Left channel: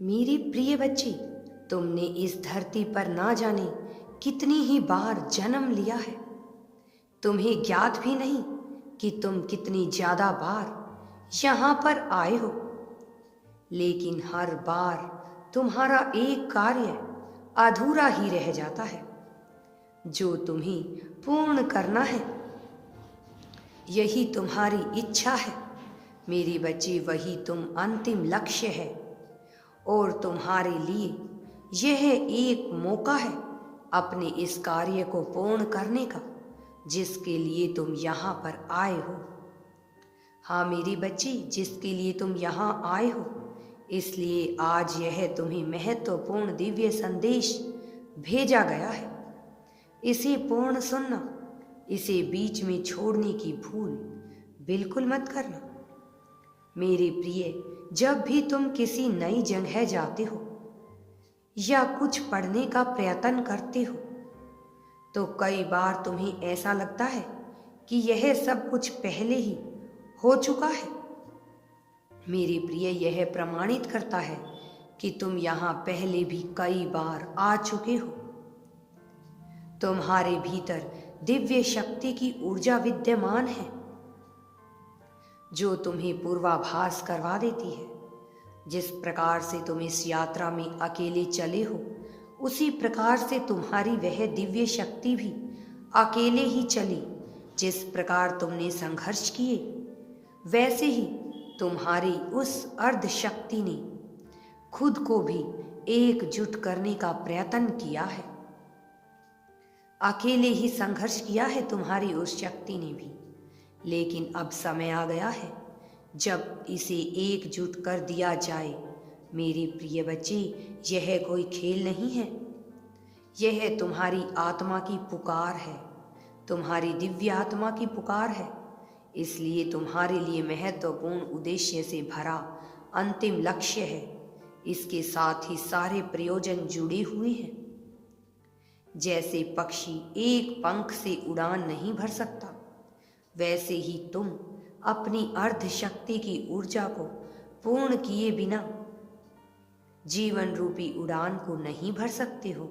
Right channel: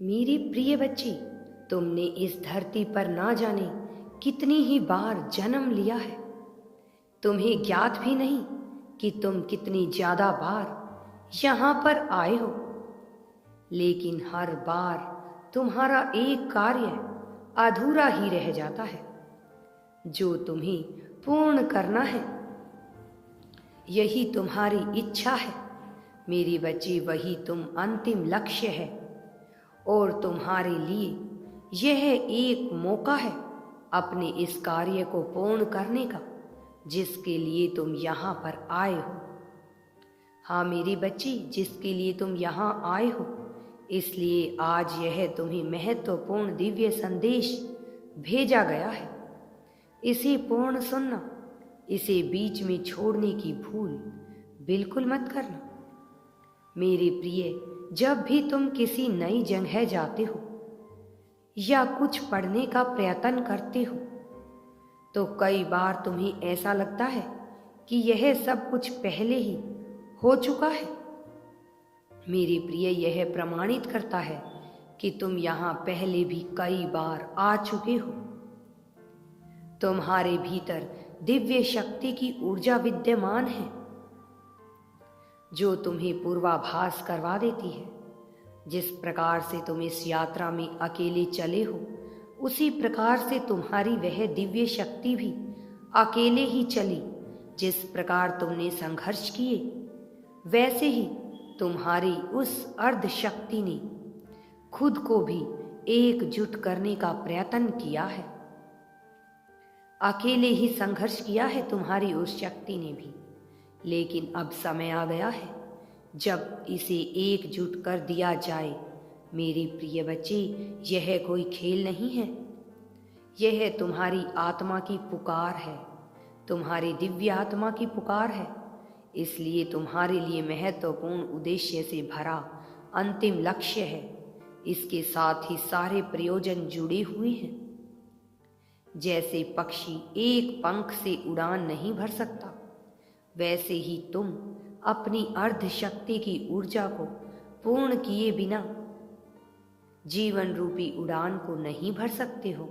मेरे प्रिय बच्चे, तुमने इस धरती पर ना जाने कितनी ही बार जन्म लिया है। तुम्हें ज्ञात भी नहीं कि तुम कितनी ज्यादा बार यहाँ पर आए हो, लेकिन हर बार तुम्हारा एक कार्य अधूरा ही रह जाता है जो तुम्हें पूर्ण करना है। यही तुम्हारी इच्छा है मेरे बच्चे, वही तुम अंतिम लक्ष्य है और तुम्हारे लिए यह एक मौका है अपने इस कार्य को पूर्ण करने का जिसके लिए तुम यहाँ पर आए हो। हाँ मेरे बच्चे, जिसके लिए तुम यहाँ आए हो, इसलिए आज यह तुम्हें महत्वपूर्ण दिव्य संदेश भेजा गया है। इसे पूर्ण सुनना, इसे बीच में छोड़ने की भूल बिल्कुल मत करना। मेरे प्रिय, जब भी तुम किसी नई जगह जाते हो या कुछ पढ़ने का प्रयत्न करते हो तो कई बार तुम्हें ऐसा लगता है कि यह सब कुछ पहले ही हो चुका है। मेरे प्रिय, यह प्रमाणित करता है कि तुम यहाँ पहले भी कई बार आ चुके हो। तुम्हारे भीतर दिव्य शक्ति की ऊर्जा विद्यमान है जो तुम्हें पूर्वाभास करवा देती है। जिस प्रकार से तुम इस यात्रा में अकेले चले हो, उसी प्रकार से तुम्हारी वह दिव्य शक्ति भी अकेले ही चली। जिस प्रकार तुमने संघर्ष किए, वैसे ही तुम्हारी उस अर्ध शक्ति ने खुद को भी एकजुट करने का प्रयत्न किया है। अकेले ही संघर्ष किया है तुम्हारी उस शक्ति ने भी, लेकिन अब समय आ गया है जब इसे एकजुट कर दिया जाए। मेरे प्रिय बच्चे, यह कोई खेल नहीं है, यह तुम्हारी आत्मा की पुकार है, तुम्हारी दिव्य आत्मा की पुकार है। इसलिए तुम्हारे लिए महत्वपूर्ण उद्देश्य से भरा अंतिम लक्ष्य है। इसके साथ ही सारे प्रयोजन जुड़े हुए हैं। जैसे पक्षी एक पंख से उड़ान नहीं भर सकता, वैसे ही तुम अपनी अर्ध शक्ति की ऊर्जा को पूर्ण किए बिना जीवन रूपी उड़ान को नहीं भर सकते हो।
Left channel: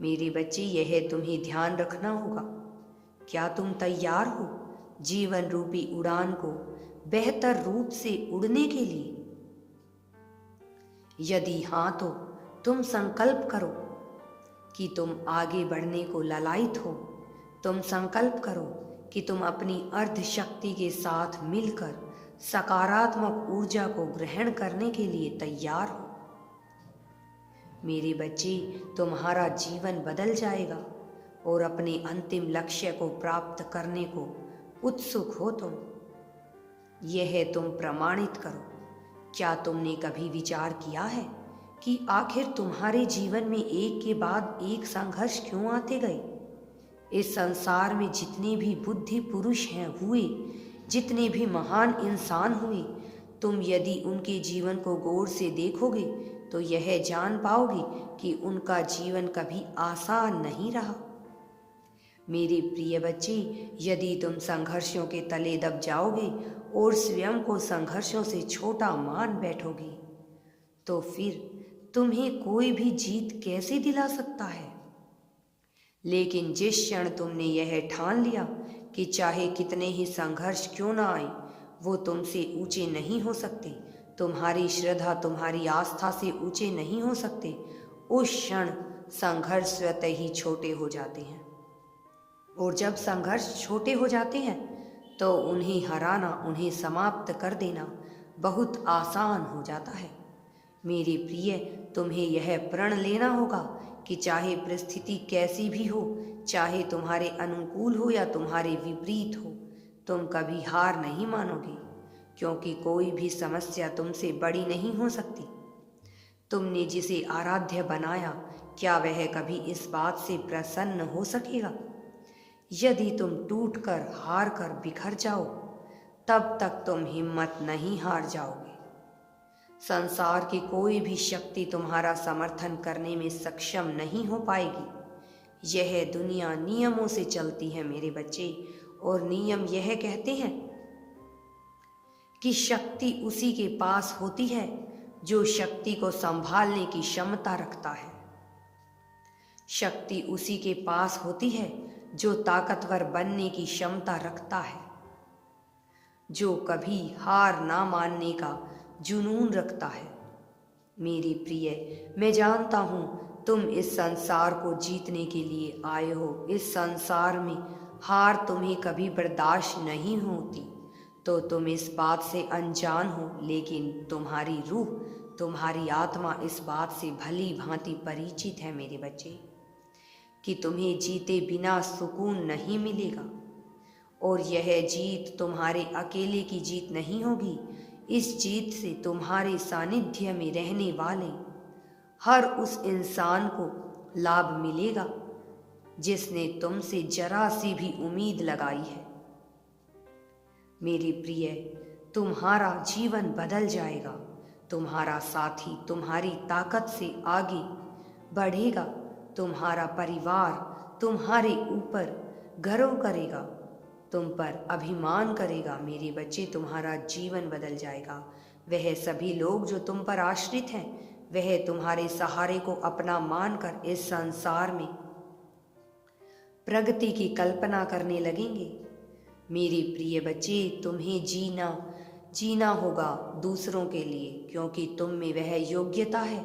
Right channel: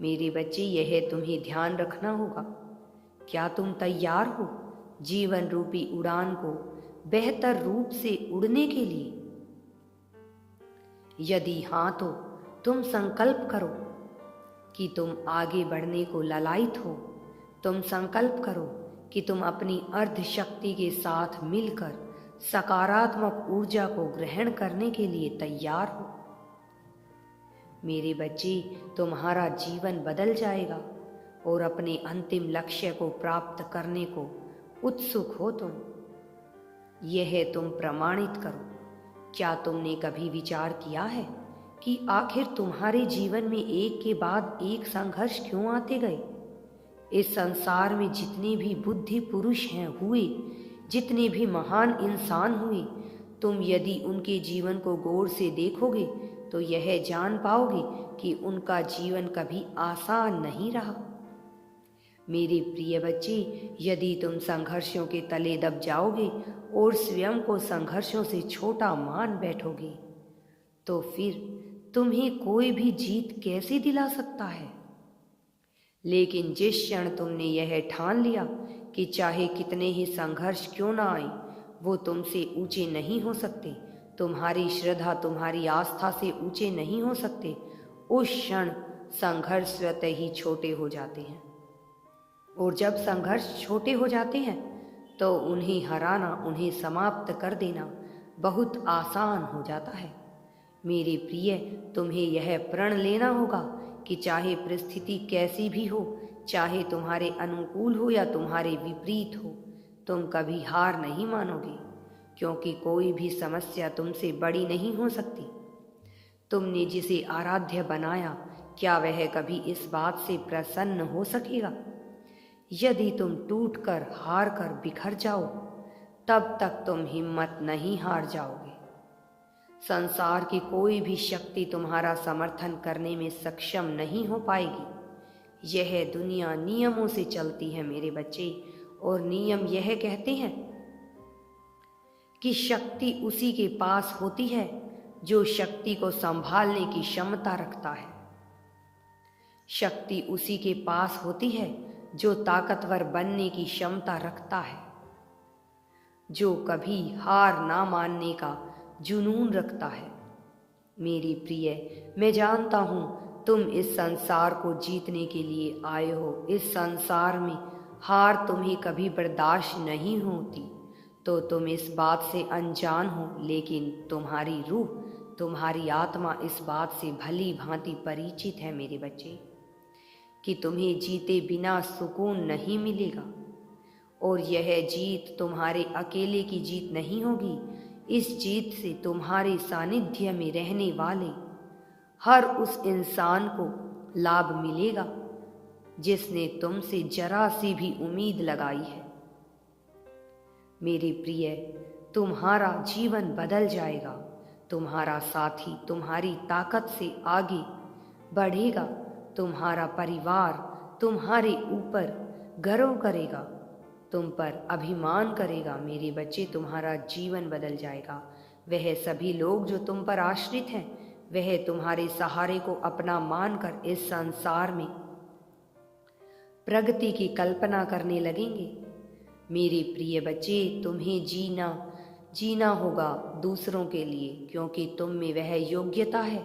मेरे बच्चे, यह तुम्हें ध्यान रखना होगा। क्या तुम तैयार हो जीवन रूपी उड़ान को बेहतर रूप से उड़ने के लिए? यदि हाँ, तो तुम संकल्प करो कि तुम आगे बढ़ने को ललायत हो। तुम संकल्प करो कि तुम अपनी अर्ध शक्ति के साथ मिलकर सकारात्मक ऊर्जा को ग्रहण करने के लिए तैयार हो। मेरे बच्चे, तुम्हारा जीवन बदल जाएगा और अपने अंतिम लक्ष्य को प्राप्त करने को उत्सुक हो तुम। यह तुम प्रमाणित करो। क्या तुमने कभी विचार किया है कि आखिर तुम्हारे जीवन में एक के बाद एक संघर्ष क्यों आते गए? इस संसार में जितने भी बुद्धि पुरुष हैं हुए, जितने भी महान इंसान हुए, तुम यदि उनके जीवन को गौर से देखोगे तो यह जान पाओगे कि उनका जीवन कभी आसान नहीं रहा। मेरे प्रिय बच्चे, यदि तुम संघर्षों के तले दब जाओगे और स्वयं को संघर्षों से छोटा मान बैठोगे तो फिर तुम्हें कोई भी जीत कैसे दिला सकता है? लेकिन जिस क्षण तुमने यह ठान लिया कि चाहे कितने ही संघर्ष क्यों ना आए, वो तुमसे ऊंचे नहीं हो सकते, तुम्हारी श्रद्धा तुम्हारी आस्था से ऊंचे नहीं हो सकते, उस क्षण संघर्ष स्वतः ही छोटे हो जाते हैं। और जब संघर्ष छोटे हो जाते हैं तो उन्हें हराना, उन्हें समाप्त कर देना बहुत आसान हो जाता है। मेरे प्रिय, तुम्हें यह प्रण लेना होगा कि चाहे परिस्थिति कैसी भी हो, चाहे तुम्हारे अनुकूल हो या तुम्हारे विपरीत हो, तुम कभी हार नहीं मानोगे, क्योंकि कोई भी समस्या तुमसे बड़ी नहीं हो सकती। तुमने जिसे आराध्य बनाया, क्या वह कभी इस बात से प्रसन्न हो सकेगा? यदि तुम टूटकर, हार कर बिखर जाओ, तब तक तुम हिम्मत नहीं हार जाओगे। संसार की कोई भी शक्ति तुम्हारा समर्थन करने में सक्षम नहीं हो पाएगी। यह दुनिया नियमों से चलती है मेरे बच्चे, और नियम यह कहते हैं कि शक्ति उसी के पास होती है जो शक्ति को संभालने की क्षमता रखता है। शक्ति उसी के पास होती है जो ताकतवर बनने की क्षमता रखता है, जो कभी हार ना मानने का जुनून रखता है। मेरी प्रिय, मैं जानता हूं तुम इस संसार को जीतने के लिए आए हो। इस संसार में हार तुम्हें कभी बर्दाश्त नहीं होती, तो तुम इस बात से अनजान हो, लेकिन तुम्हारी रूह, तुम्हारी आत्मा इस बात से भली भांति परिचित है मेरे बच्चे, कि तुम्हें जीते बिना सुकून नहीं मिलेगा। और यह जीत तुम्हारे अकेले की जीत नहीं होगी। इस जीत से तुम्हारे सानिध्य में रहने वाले हर उस इंसान को लाभ मिलेगा जिसने तुमसे जरा सी भी उम्मीद लगाई है। मेरे प्रिय, तुम्हारा जीवन बदल जाएगा। तुम्हारा साथी तुम्हारी ताकत से आगे बढ़ेगा। तुम्हारा परिवार तुम्हारे ऊपर गर्व करेगा, तुम पर अभिमान करेगा। मेरे बच्चे, तुम्हारा जीवन बदल जाएगा। वह सभी लोग जो तुम पर आश्रित हैं, वह तुम्हारे सहारे को अपना मानकर इस संसार में प्रगति की कल्पना करने लगेंगे। मेरे प्रिय बच्चे, तुम्हें जीना होगा दूसरों के लिए, क्योंकि तुम में वह योग्यता है,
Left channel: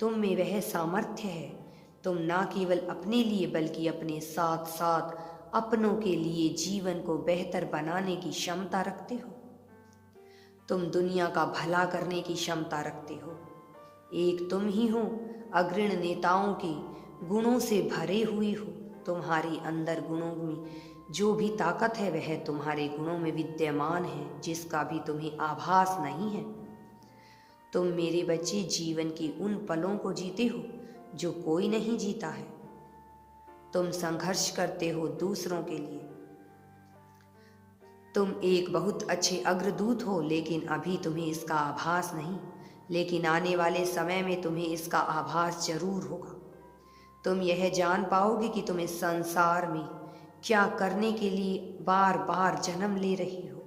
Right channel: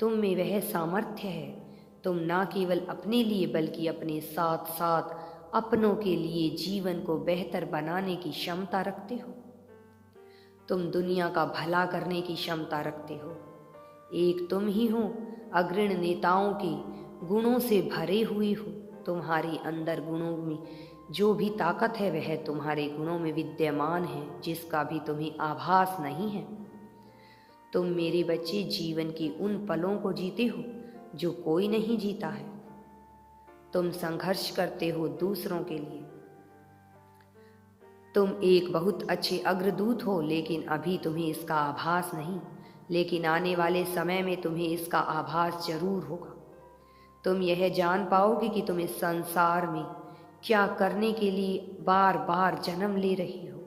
तुम में वह सामर्थ्य है। तुम ना केवल अपने लिए बल्कि अपने साथ साथ अपनों के लिए जीवन को बेहतर बनाने की क्षमता रखते हो। तुम दुनिया का भला करने की क्षमता रखते हो। एक तुम ही हो, अग्रणी नेताओं के गुणों से भरे हुए हो। तुम्हारे अंदर गुणों में जो भी ताकत है वह तुम्हारे गुणों में विद्यमान है, जिसका भी तुम्हें आभास नहीं है। तुम मेरे बच्चे जीवन के उन पलों को जीते हो जो कोई नहीं जीता है। तुम संघर्ष करते हो दूसरों के लिए। तुम एक बहुत अच्छे अग्रदूत हो, लेकिन अभी तुम्हें इसका आभास नहीं, लेकिन आने वाले समय में तुम्हें इसका आभास जरूर होगा। तुम यह जान पाओगे कि तुम इस संसार में क्या करने के लिए बार बार जन्म ले रही हो।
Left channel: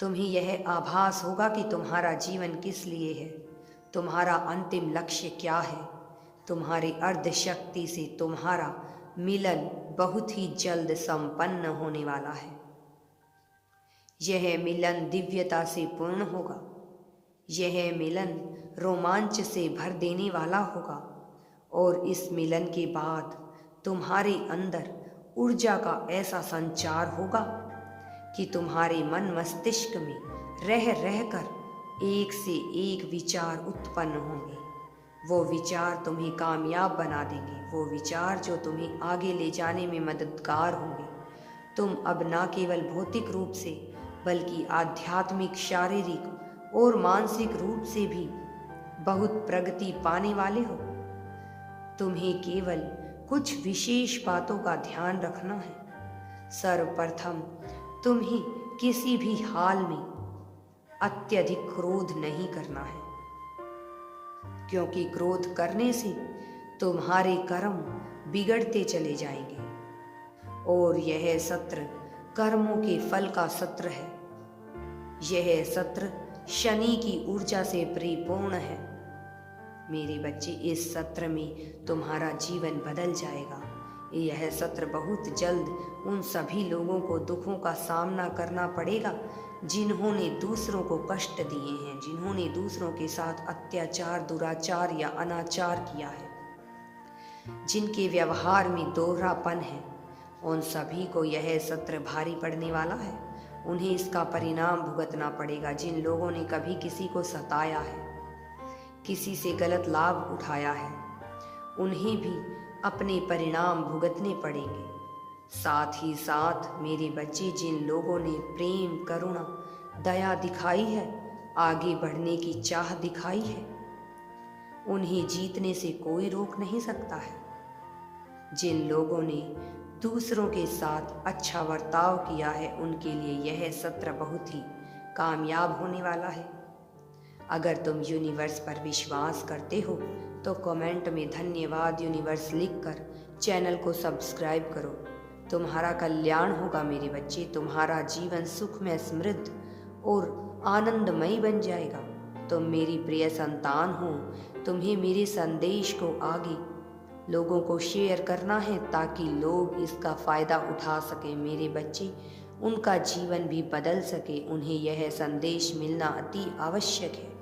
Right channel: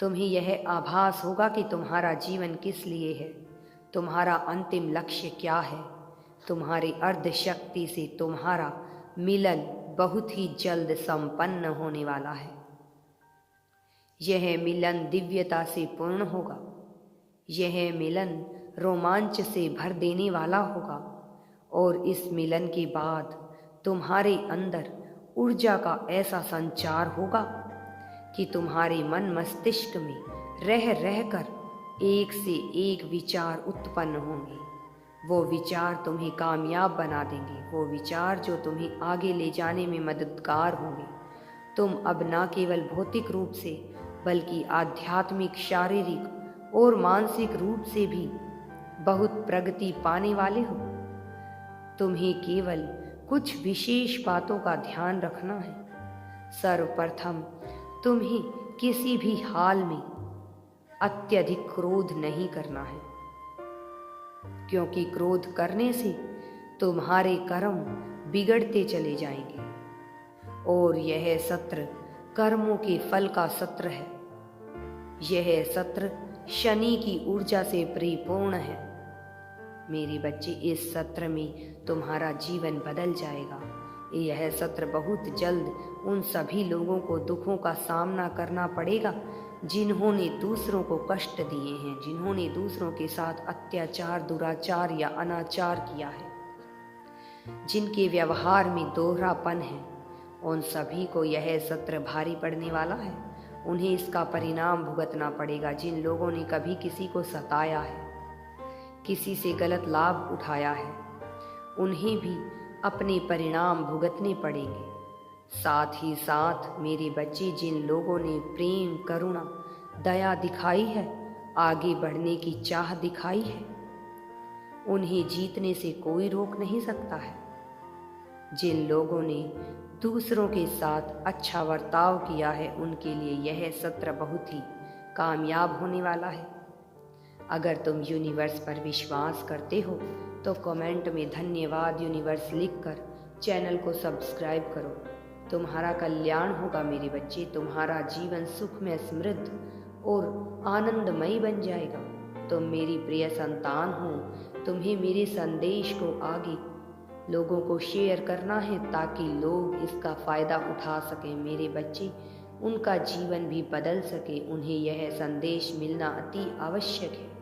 तुम्हें यह आभास होगा कि तुम्हारा जीवन किस लिए है, तुम्हारा अंतिम लक्ष्य क्या है। तुम्हारे अर्ध शक्ति से तुम्हारा मिलन बहुत ही जल्द संपन्न होने वाला है। यह मिलन दिव्यता से पूर्ण होगा। यह मिलन रोमांच से भर देने वाला होगा। और इस मिलन के बाद तुम्हारे अंदर ऊर्जा का ऐसा संचार होगा कि तुम्हारे मन मस्तिष्क में रह रहकर एक से एक विचार उत्पन्न होंगे। वो विचार तुम्हें कामयाब बना देंगे, वो विचार जो तुम्हें आगे ले जाने में मददगार होंगे। तुम अब न केवल भौतिक रूप से बल्कि आध्यात्मिक, शारीरिक और मानसिक रूप से भी बहुत प्रगति पाने वाले हो। तुम्हें केवल कुछ विशेष बातों का ध्यान रखना है। सर्वप्रथम तुम्हें किसी भी हाल में अत्यधिक क्रोध नहीं करना है, क्योंकि क्रोध करने से तुम्हारे कर्म बिगड़ते चले जाएंगे और यह सत्र कर्मों के फल का सत्र है। यह सत्र शनि की ऊर्जा से परिपूर्ण है। मेरे बच्चे, इस सत्र में तुम्हारा जीवन बदल जाएगा। यह सत्र बहुत जल्द उन सभी लोगों को दुखों का सामना करना पड़ेगा जिन्होंने दूसरों को कष्ट दिए हैं, जिन्होंने दूसरों के साथ अत्याचार, दुराचार या अनाचार किया है, जिनके व्यवहार में दोहरापन है। उन सभी को यह सत्र भारी पड़ने वाला है। उन्हें इसका परिणाम भुगतना पड़ेगा। जिन लोगों ने कभी किसी को सताया है, किसी से गलत लाभ उठाया है, उन्हें भी अपने परिणाम भुगतने पड़ेंगे। साथ ही साथ मेरे बच्चे, जिन लोगों ने प्रेम, करुणा, दया दिखाई है, आगे बढ़ने की चाह दिखाई है, उन्हें जीतने से कोई रोक नहीं सकता है। जिन लोगों ने दूसरों के साथ अच्छा बर्ताव किया है, उनके लिए यह सत्र बहुत ही कामयाब होने वाला है। अगर तुम यूनिवर्स पर विश्वास करते हो तो कमेंट में धन्यवाद यूनिवर्स लिखकर चैनल को सब्सक्राइब करो। तुम्हारा कल्याण होगा मेरे बच्चे। तुम्हारा जीवन सुखमय, समृद्ध और आनंदमयी बन जाएगा। तुम मेरी प्रिय संतान हो। तुम्हें मेरे संदेश को आगे लोगों को शेयर करना है ताकि लोग इसका फ़ायदा उठा सकें। मेरे बच्चे, उनका जीवन भी बदल सके। उन्हें यह संदेश मिलना अति आवश्यक है।